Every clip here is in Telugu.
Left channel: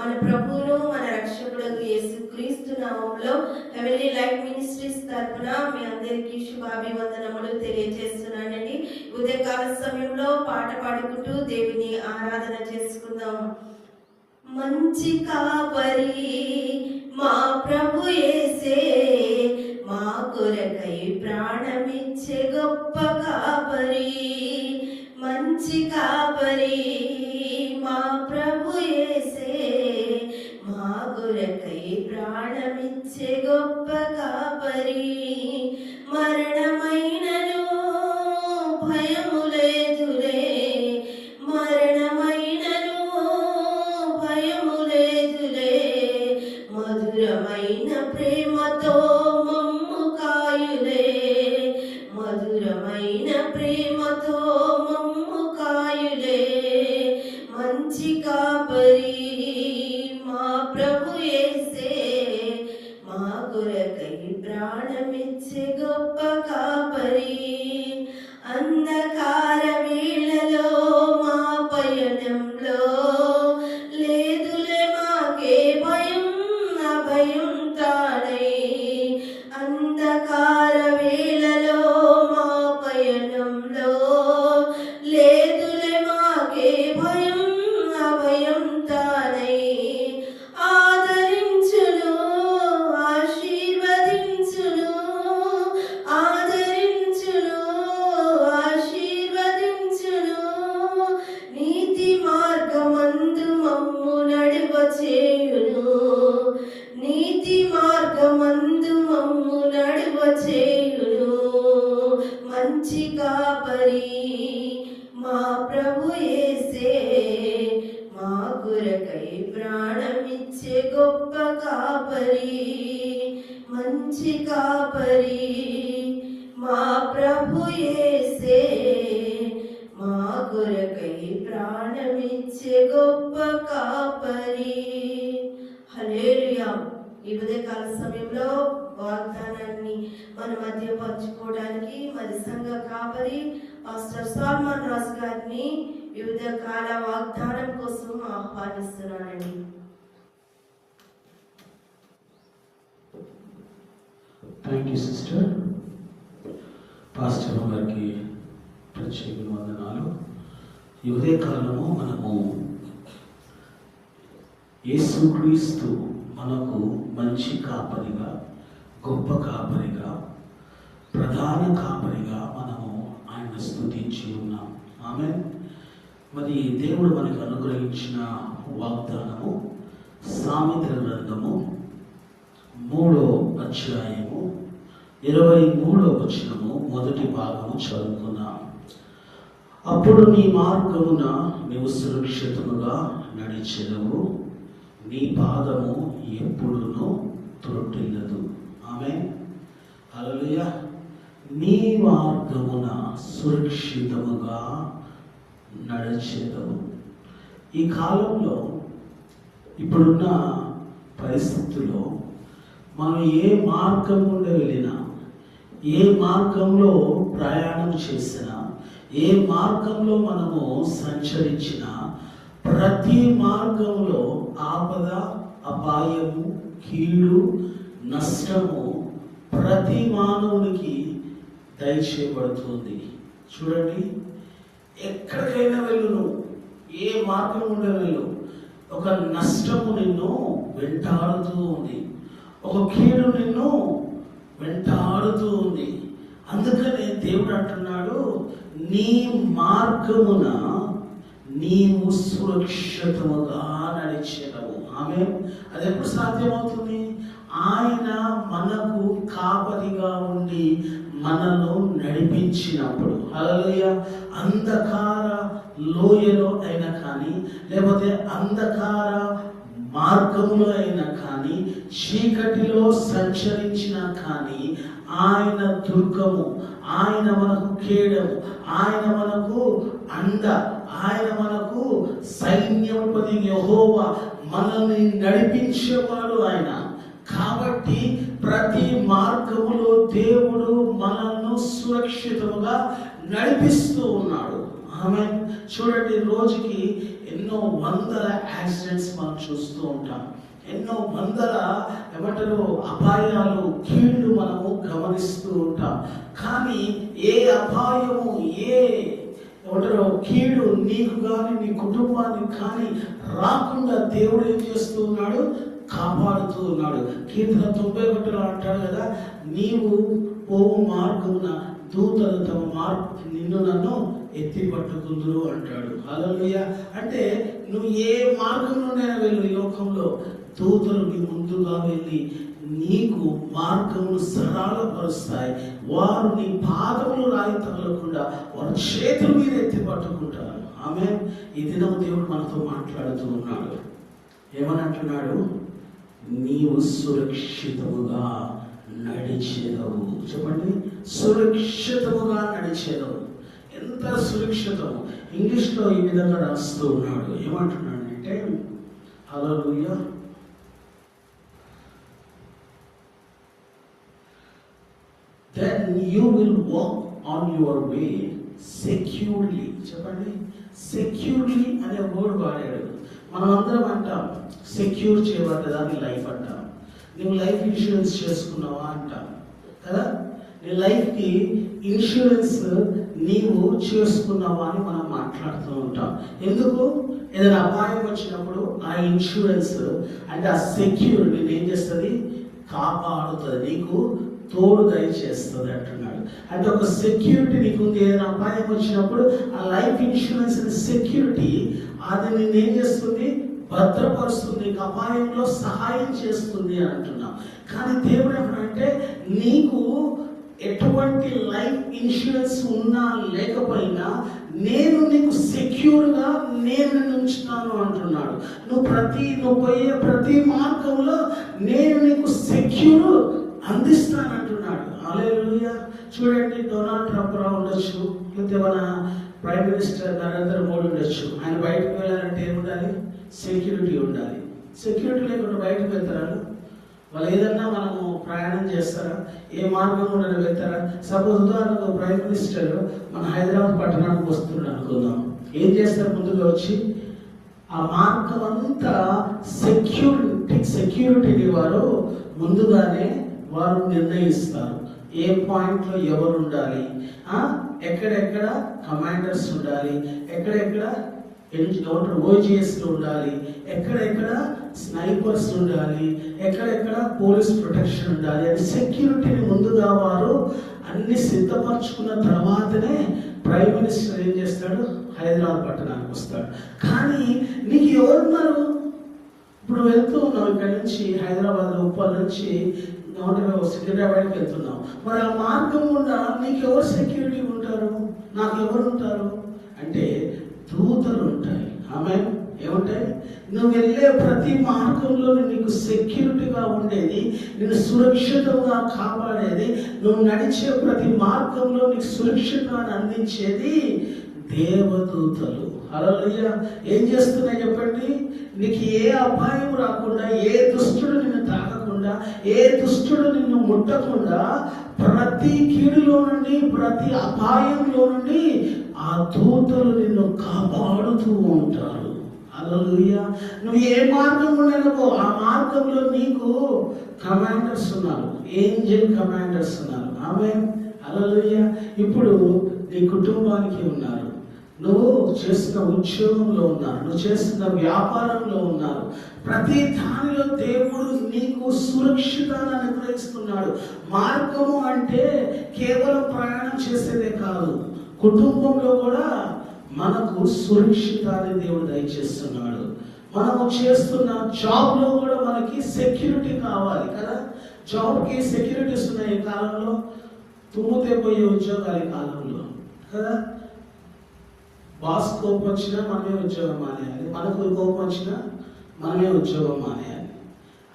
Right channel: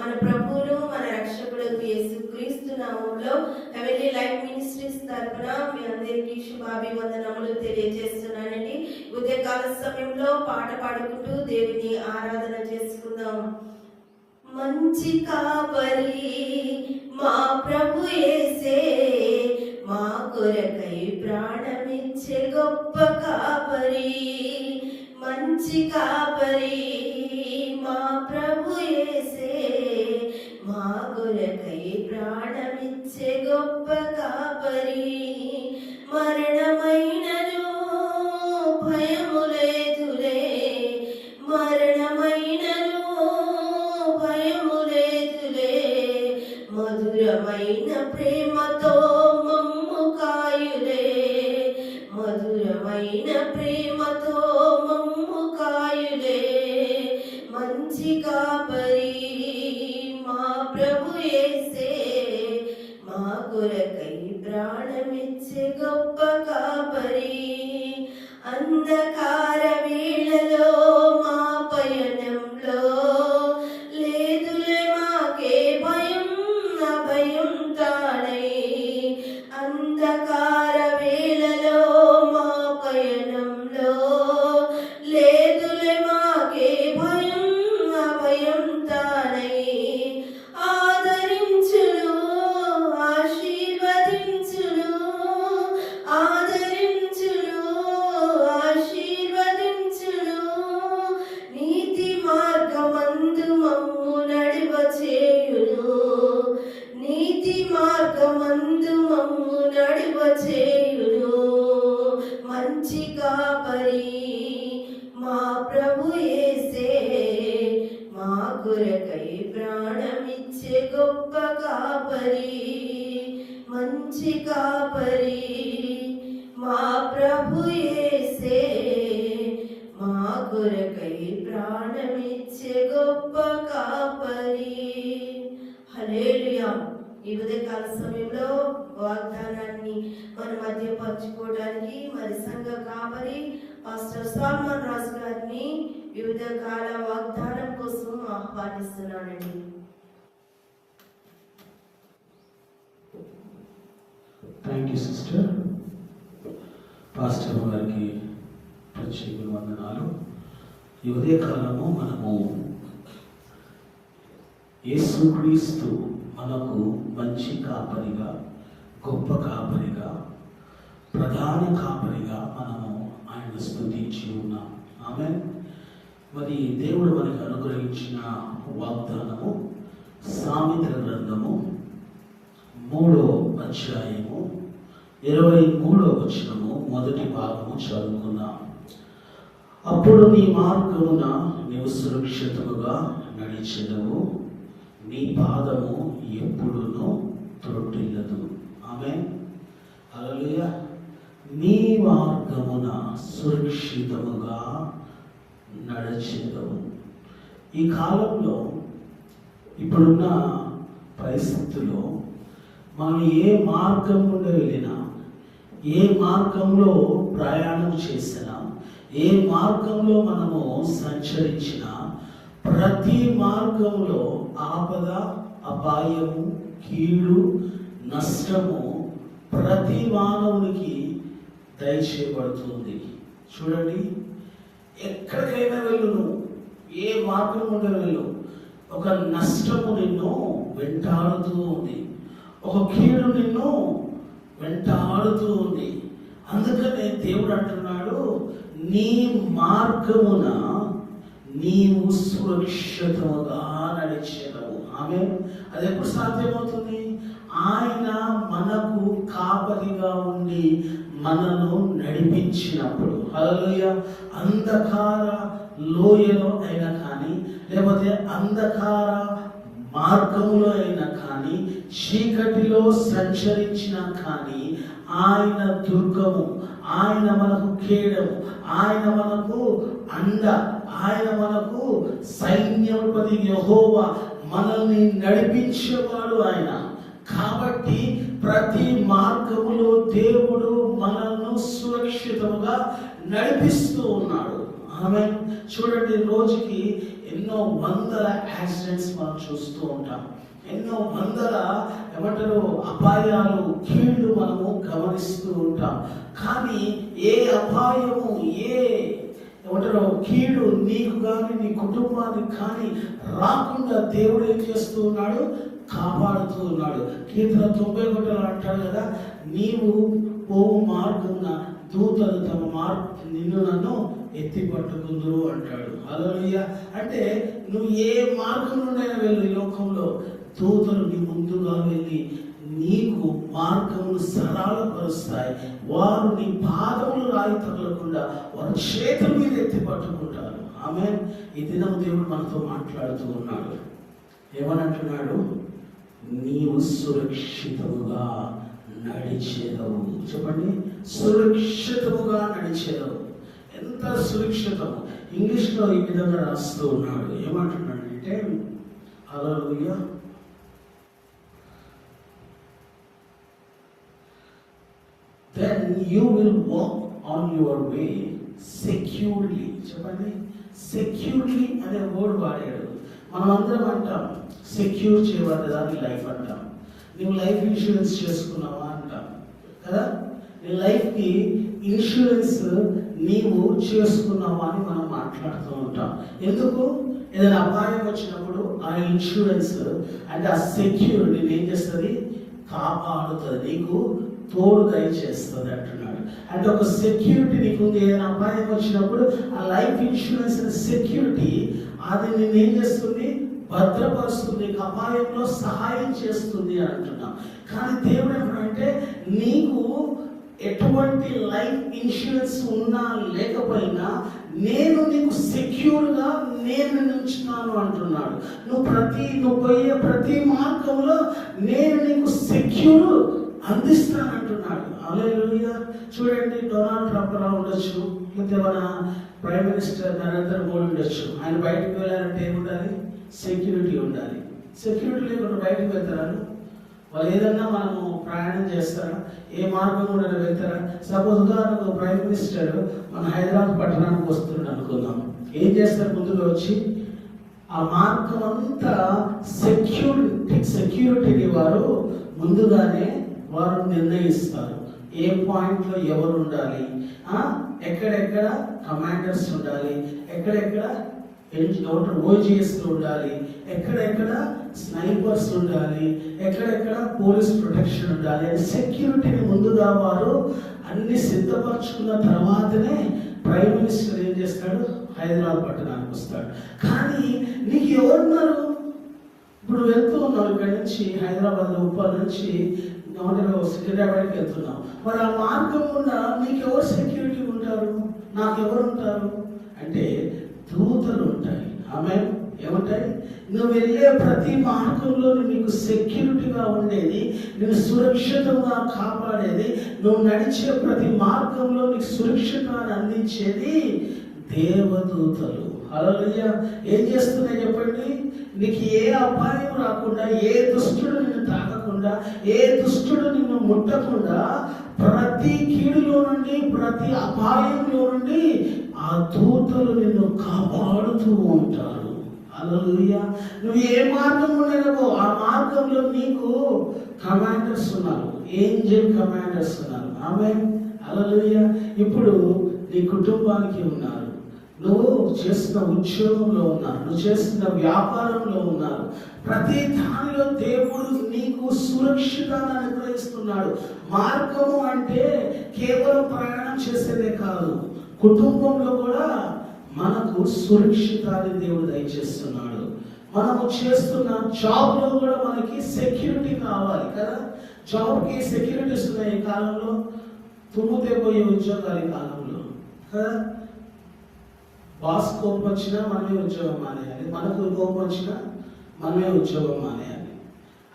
మన ప్రభువును మన రక్షకుడు యేసుక్రీస్తు నామములో హెవెన్లీ లైట్ మినిస్ట్రీస్ తరపున మీ అందరికీ శుభాభివందనములు తెలియజేస్తున్నానండి. ఉదయకాల సమయంలో పాట పాడుకుంటూ దేవుని ఆరాధన చేసుకుందాం. మంచి కాపరి మా ప్రభు యేసే, మా కొరకై ప్రాణమిచ్చే గొప్ప కాపరి. మంచి కాపరి మా ప్రభు యేసే, మా కొరకై ప్రాణమిచ్చే గొప్ప కాపరి. మరణమైనను భయము లేదులే, మరణమైనను భయము లేదులే, మధురమైన ప్రేమతో మమ్ము కాయులే, మధురమైన ప్రేమతో మమ్ము కాయులే. మంచి కాపరి మా ప్రభు యేసే, మా కొరకై ప్రాణమిచ్చే గొప్ప కాపరి. అంధకార వేళలో మా పయనంలో లేదులే మాకే భయం, అభయం తానై. అంధకార వేళలో మా పయనంలో లేదులే మాకే భయం, అభయం తానై. ఆదరించును ఆశీర్వదించును, ఆదరించును ఆశీర్వదించును. నీతి మార్గమందు మమ్ము నడువ చేయును, నీతి మార్గమందు మమ్ము నడువ చేయును. మంచి కాపరి మా ప్రభు యేసే, మా కొరకై ప్రాణమిచ్చే గొప్ప కాపరి. మంచి కాపరి మా ప్రభు యేసే, మా కొరకై ప్రాణమిచ్చే గొప్ప కాపరి. హల్లెలూయా. ఈ ఉదయకాల సమయంలో వాగ్దానాన్ని మన మధ్య పంచుకోవడానికి మరి సంఘ కాపరి పాస్టర్ సాల్మన్ రాజు గారిని వివిధ కాల వాగ్దానం కోసం ఆహ్వానిస్తున్నానండి. Thank you sister. పాస్టర్ గారికి ప్రత్యేక వందనాలు. ఈ ఉదయకాలము మనము యేసుక్రీస్తు మనకు మంచి కాపరిగా, గొప్ప కాపరిగా, ప్రధాన కాపరిగా మనము ఆయన స్తుతించి ఉన్నాం. ఆమేన్. మరి దేవుడు మనకు అనుగ్రహించిన వాగ్దానము సామెతల గ్రంథము 3వ అధ్యాయము 23వ వచనము మొదటి భాగము చదువుకుందాం. అప్పుడు నీ మార్గమున నీవు సురక్షితముగా నడిచెదవు, నీ పాదము ఎప్పుడునూ త్రొట్టిల్లదు. ఆమేన్. హల్లెలూయా. నీ మార్గమున సురక్షితముగా నడిచెదవు. ఈ కాలంలో ఇప్పుడున్న పరిస్థితుల్లో మనం ఏ మార్గం గుండా వెళ్ళినా, ఏ మార్గంలో ప్రయాణం చేసినా, ఏ మార్గంలో మనము సంచరించినా, ప్రతి మార్గంలో ఆపద, అపాయము, కీడు, నష్టము ప్రతి మానవునికి దయచేయబడుతుంది. చూడండి, ఎక్కడికైనా వెళ్ళు, ఏ మార్గం గుండా వెళ్ళు, ఒక నష్టము నిన్ను వెంటాడుతూ ఉంది, ఒక కీడు నిన్ను వెంటాడుతూ ఉంది. అందుకనే దేవుడు అంటున్నాడు, నీ మార్గమున నీవు సురక్షితముగా నడిచెదవు. ఆమె అది ఎప్పుడు సాధ్యమవుతుంది? ఆయన మనకు కాపరిగా ఉండి మనను నడిపించినప్పుడు. హల్లెలూయా. అంధకార లోయలో అయినా కానీ, లేకపోతే అంధకార మార్గంలో అయినా కానీ, చీకటిలో సంచరించినా కానీ, ఆయన దుర్గము, ఆయన మనకు కేడము, ఆయన మనకు అండ, ఆయన మనకు సైన్యపతి యెహోవా, మనల్ని నడిపించేవాడు ఆయన. కాబట్టి ప్రతి మార్గములో దేవుడు మనల్ని సురక్షితముగా నడిపిస్తూ ఉన్నాడు. ఆమె చూడండి, రోజుకి ఎన్నో వందల యాక్సిడెంట్స్ మనం చూస్తూ ఉంటాం. ఎన్నో వందల అపాయాలు, కీళ్ళు మనము గమనిస్తూ ఉంటాం. కానీ ఏ అపాయము, ఏ కీడు నీకు కానీ నీ కుటుంబానికి కానీ రాకుండా దేవుడు ఏం చేస్తూ ఉన్నాడు? కాపాడుతూ ఉన్నాడు. కీర్తన 91 అంటాడు కదా, నీవు పోవు మార్గమున దూతలు తమ నిన్ను నన్ను ఎత్తి పట్టుకుందురు అంటాడు. హల్లెలూయా. అంటే నువ్వు ఏ మార్గం నుండి వెళ్ళు, లోకంలో దూతలు నీ ముందుగా వెళ్ళి నీకు మార్గమును సరళపరుస్తాయి. వారు నీ పాదములు రాయి తగలకుండా వారి చేతుల మీద ఎత్తి పట్టుకుంటారు. ఆమేన్. ఈ దినం దేవుడు మనతో మాట్లాడుతూ ఉన్నాడు. ఏమని అంటున్నాడు? నీవు సురక్షితముగా నడిచేదవు. చెప్పండి, సురక్షితముగా నడిచేదవు. ఎంత సురక్షితము! ఇంగ్లీష్లో ఈ విధంగా రాస్తూ ఉన్నాడు. ఏమంటున్నాడంటే, హల్లెలూయా, then you will walk on your way securely. చెప్పండి, సెక్యూర్లీ అనే వర్డ్ వాడాడు. మనం అందరం అంటాం సెక్యూర్ చేయబడ్డదాన్ని లైఫ్ అంటాం. నువ్వు లైఫ్ ఇన్సూరెన్స్ చేసుకున్నావా అంటాం కదా. నీ లైఫ్కి ఇన్సూరెన్స్ నీవు చేసుకున్నావా అని మనం మాట్లాడుతూ ఉంటాం. ఎందుకు? ఏదైనా అపాయం వచ్చినప్పుడు ఆ ఇన్సూరెన్స్ అంటే ఆ సెక్యూరిటీ ఏం చేస్తుంది? కాపాడుతుంది, నీకు తోడు దయచేస్తుంది అంటున్నాడు. అంటే ఒక సెక్యూరిటీ నీకు ఉంది. ఏదైనా అపాయం వచ్చినప్పుడు ఆ లైఫ్ ఇన్సూరెన్స్ సెక్యూరిటీ అది నేను ఏం చేస్తుంది? భద్రపరుస్తుంది, నీకు అపాయంలో సహాయం చేస్తుంది అని అంటున్నాం. కానీ దేవుడు ఏమంటే, నీకు ఎటువంటి లైఫ్ ఇన్సూరెన్స్ ఉన్నా లేకపోయినా నేను నీకు సెక్యూర్గా నేను ఉంచుతాను అంటున్నాడు. నువ్వు పోయే ప్రతి మార్గంలో నేను నీకు సెక్యూర్ అందిస్తానంటున్నాడు. హల్లెలూయా. చూడండి, డొనాల్డ్ ట్రంప్ ఉండొచ్చు, లేకపోతే మన ప్రైమ్ మినిస్టర్ నరేంద్ర మోడీ ఉండొచ్చు. ఆయన బయటకు వెళ్ళాలంటే ఏముండాలి? సెక్యూరిటీ ఉండాలి. సెక్యూరిటీ లేకుండా బయటకు వెళ్తారా? వాళ్ళు ఏదన్నా మనము ప్రయాణం చేస్తారా? ఏ మార్గం గుండా వెళ్తారా? సపోజ్ ఉదాహరణకు ప్రైమ్ మినిస్టర్ మన హైదరాబాద్ పట్టణానికి వస్తున్నాడు అనుకుందాం. ఏం చేస్తారు? ముందుగా వచ్చి ఆ మార్గం అంతా సెక్యూరిటీని వారు ముందుగానే వారు నిర్ణయిస్తారు. ఏ పాయింట్లో ఎవరు ఉండాలి, ఎక్కడెక్కడ కమాండర్స్ ఉండాలి, ఎక్కడెక్కడ ఓజిఎస్లు ఉండాలి, ఎక్కడెక్కడ స్నైపర్స్ ఉండాలి, ఎక్కడెక్కడ పోలీస్ ప్రొటెక్షన్ ఉండాలి అని సెక్యూరిటీని ముందుగా వారు అన్ని సిద్ధపరచుకున్న తర్వాతనే ప్రైమ్ మినిస్టర్ ఏం చేస్తాడు? హైదరాబాద్ పట్టణానికి వస్తాడు. కానీ నీకు ఎవరున్నారు? ఇప్పుడు వెళ్తూ ఉన్నాం ఇక్కడ నుంచి హైదరాబాద్, ఉప్పల్ నుంచి సికింద్రాబాద్కి వెళ్తున్నాం. మరి ఆ మార్గం గుండా నీకు ఎవరు సెక్యూరిటీ ఉంటారు? నాకు ఎవరు ఉంటారు అంటే దూతలు ఉంటాయి. ఆమె ఏముంటాయి? నువ్వు వెళ్ళే ప్రతి మార్గంలో నీకు సెక్యూరిటీగా ఉండేది, నేను సురక్షితంగా కాపాడేది, నువ్వు నడిచే ప్రతి మార్గంలో నీకు సురక్షితాన్ని అందించేది దేవదూతలు. హల్లెలూయా. ఏం చేస్తున్నాయి చెప్పండి? నీకు ఏ అపాయం రాకుండా, ఏ దుష్టుడు నిన్ను తాకకుండా, ఏ దుష్టుడు నిన్ను ముట్టకుండా ప్రతి కీడులో నుండి, ప్రతి అపాయంలో నుండి ఆ దూతలు నిన్ను కాపాడుతూ ఉంటారు. హల్లెలూయా. నువ్వు ఏ మార్గం ఉండలేవో ఆ మార్గంలో నీకు కమాండర్స్ ఉన్నారు, ఏంజెల్ కమాండర్స్ ఉన్నారు. ఆమేన్. హల్లెలూయా. ఇప్పుడు నీ కుటుంబానికి ఉన్నారు, నువ్వు చేస్తున్న ఉద్యోగంలో ఉన్నారు, నువ్వు చేస్తున్న వ్యాపారంలో ఉన్నారు. ప్రతి దానిలో దేవుడు నీకు సురక్షితాన్ని అనుగ్రహిస్తున్నాడు. మార్గము అంటే కేవలం ప్రయాణం చేసేదే కాదు, కుటుంబంలో కూడా మనకు సురక్షితాన్ని దేవుడు దయచేస్తున్నాడు. మనము చేస్తున్న జాబ్లో కూడా మనకి సెక్యూరిటీ కావాలి కదా. జాబ్కి సెక్యూరిటీస్ ఉన్నాయి ఈ కాలంలో, తుమ్మితే పోయే ఉద్యోగాలు ఈ కాలంలో కదా. బాస్ కోపం వచ్చినా మనమే ఉద్యోగం మానేయాలి, మనకు కోపం వచ్చినా మనమే ఉద్యోగం మానేయాలి.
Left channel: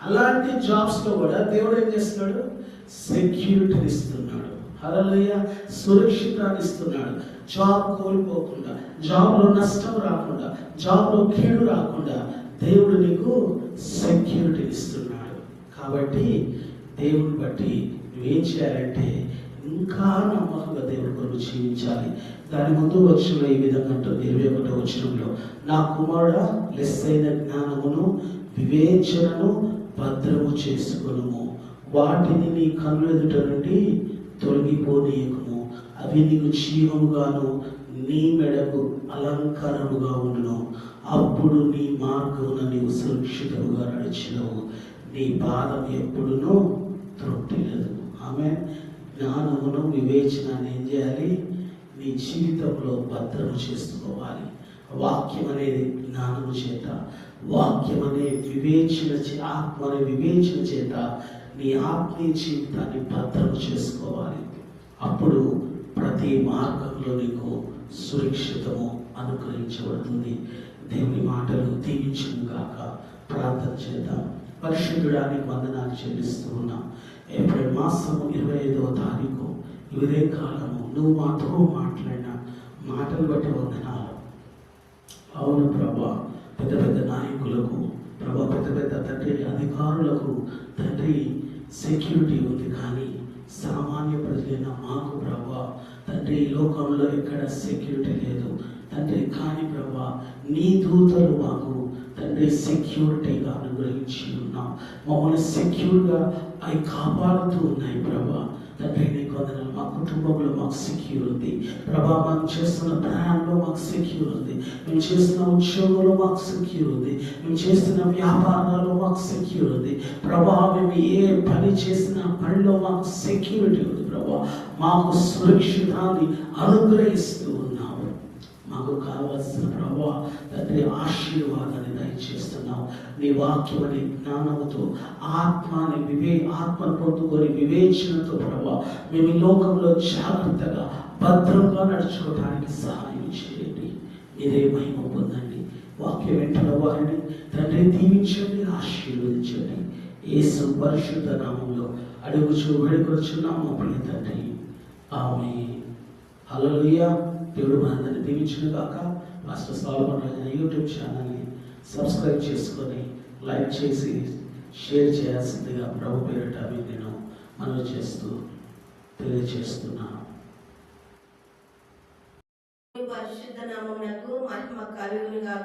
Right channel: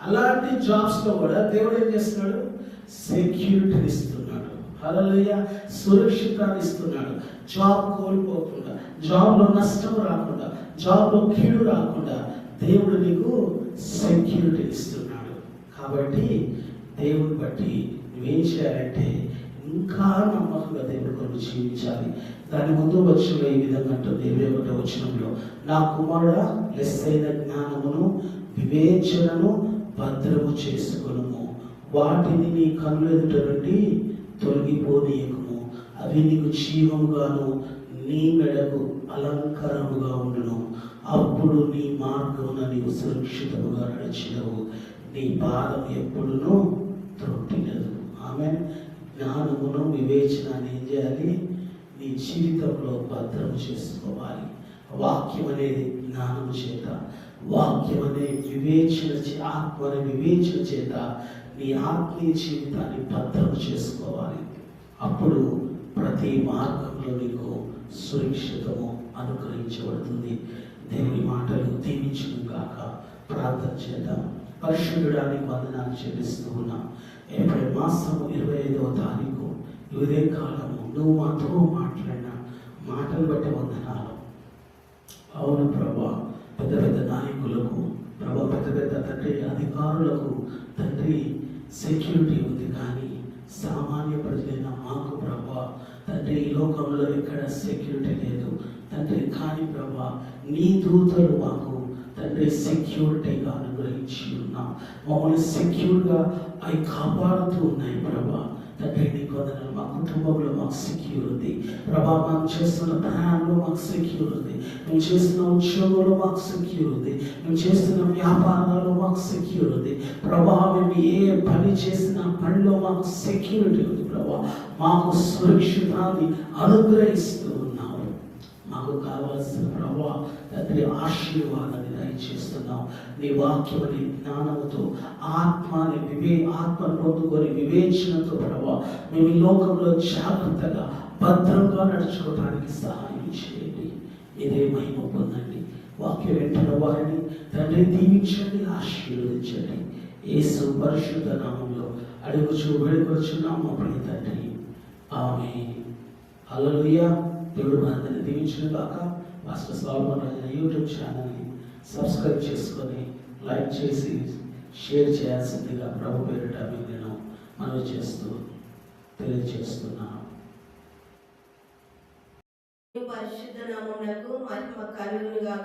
అలాంటి జాబ్స్లో కూడా దేవుడు ఏం చేస్తున్నాడు? సెక్యూరిటీని ఇస్తున్నాడు. హల్లెలూయా. సురక్షితాన్ని ఇస్తున్నాడు. జాబ్ కోల్పోకుండా, జాబ్లో నష్టం రాకుండా, జాబ్లో కీడు రాకుండా దేవుడు నీకు సెక్యూరిటీ ఇస్తున్నాడు. కాబట్టి దేవుని బట్టి నువ్వేం చేయాలంటే ఇంకా నమ్మకంగా దేవుడి కొరకు జీవించాలి. దాని ముందు వచనంలో ఈ విధంగా అంటుంది 21వ వచనంలో, నా కుమారుడా లెస్సైన జ్ఞానమును వివేచనను భద్రము చేసుకొనుము, వాటిని నీ కన్నుల ఎదుట నుండి తొలగిపోనీయకుము, అవి నీకు జీవముగాను నీ మెడకు అలంకారముగా ఉండును. అప్పుడు నీ మార్గమున నీవు సురక్షితముగా నడిచినవు, నీ పాదం ఎప్పుడునూ త్రొట్టిల్లదు. ఆమె జ్ఞానమును వివేచనాన్ని ఏం చేయాలి? నీ జీవితంలో భద్రము చేసుకోవాలి. వాక్యం అనేది జ్ఞానము చేత, వాక్యం అనే వివేచన ఆత్మ అనే వివేచన చేత నీ ఆత్మీయ జీవితాన్ని భద్రము చేసుకోవాలి. అప్పుడు ప్రతి మార్గంలో నీకు సురక్షితము అనుగ్రహించబడుతుంది. దేవుని మాటలు దీవించును గాక. ప్రార్థన చేద్దాం. పరిశుద్ధుడానికి వందనాలు చెల్లిస్తూ ఉన్నాం. ఏప్రిల్ మాసము 25వ తారీఖు ఇదే కాలము నువ్వు మాతో మాట్లాడిన మాటలు బట్టి వందనాలు. అవును ప్రభా, పెద్ద పెద్ద నాయకులకు ప్రభా, పెద్ద పెద్ద తండ్రి అధికారులకు తండ్రి సెక్యూరిటీ ఉంది, కానీ సామాన్య ప్రజలైన మాకు ప్రభా తండ్రి ఈ లోకంలో ఎక్కడ సెక్యూరిటీ లేదు తండ్రి. కానీ ప్రభా నీ దూతలు మాకు తండ్రి సెక్యూరిటీగా అనుగ్రహించి ఉన్నాం. మమ్మల్ని సెక్యూర్గా అవి కాపాడుతూ ఉన్నాయి ప్రభా. తండ్రి నీకు వందనాలు. మా కుటుంబంలో మాకు సెక్యూర్ ఉంది ప్రభా. మేము చేస్తున్న ప్రయాణంలో మాకు సెక్యూర్ ఉంది. మేము చేస్తున్న ఉద్యోగంలో మాకు సెక్యూర్ ఉంది. మేము చేస్తున్న వ్యాపారాల్లో మాకు సెక్యూర్ ఉంది ప్రభా. మేము ఏ పని చేసిన పనిలో మాకు సెక్యూరిటీ ఉంది ప్రభా. మాకు సురక్షితాన్ని అనుగ్రహిస్తూ ఉన్నాము. మాకు కావలసిన ప్రభా తండ్రి ఆశీర్వాదాన్ని దయచేస్తున్నాం. నీ వాక్యం అనే జ్ఞానముతో ఆత్మను పొందుకొని వివేచనతో ప్రభా మేము ఈ లోకంలో జాగ్రత్తగా భద్రంగా నడుచుకోవడానికి సహాయం చేయండి. మీరే మహిమ పొందండి. వాక్యం వింటున్న వారిని తండ్రి దీవించండి, ఆశీర్వదించండి. యేసు పరిశుద్ధ నామంలో అడుగుచు వేడుకొచ్చున్నాం మా ప్రియ తండ్రి. ఆమేన్. హల్లెలూయా. దేవుడు మనందరినీ దీవించును గాక. పాస్టర్ సాల్మన్ రాజు యూట్యూబ్ ఛానల్ని సబ్స్క్రైబ్ చేసుకొని లైక్ చేసి షేర్ చేయాల్సిందిగా ప్రభు పేరిట మీకు నేను మనవి చేస్తూ తెలియజేస్తున్నాను. పరిశుద్ధ నామమునకు మహిమ కలుగును గాక.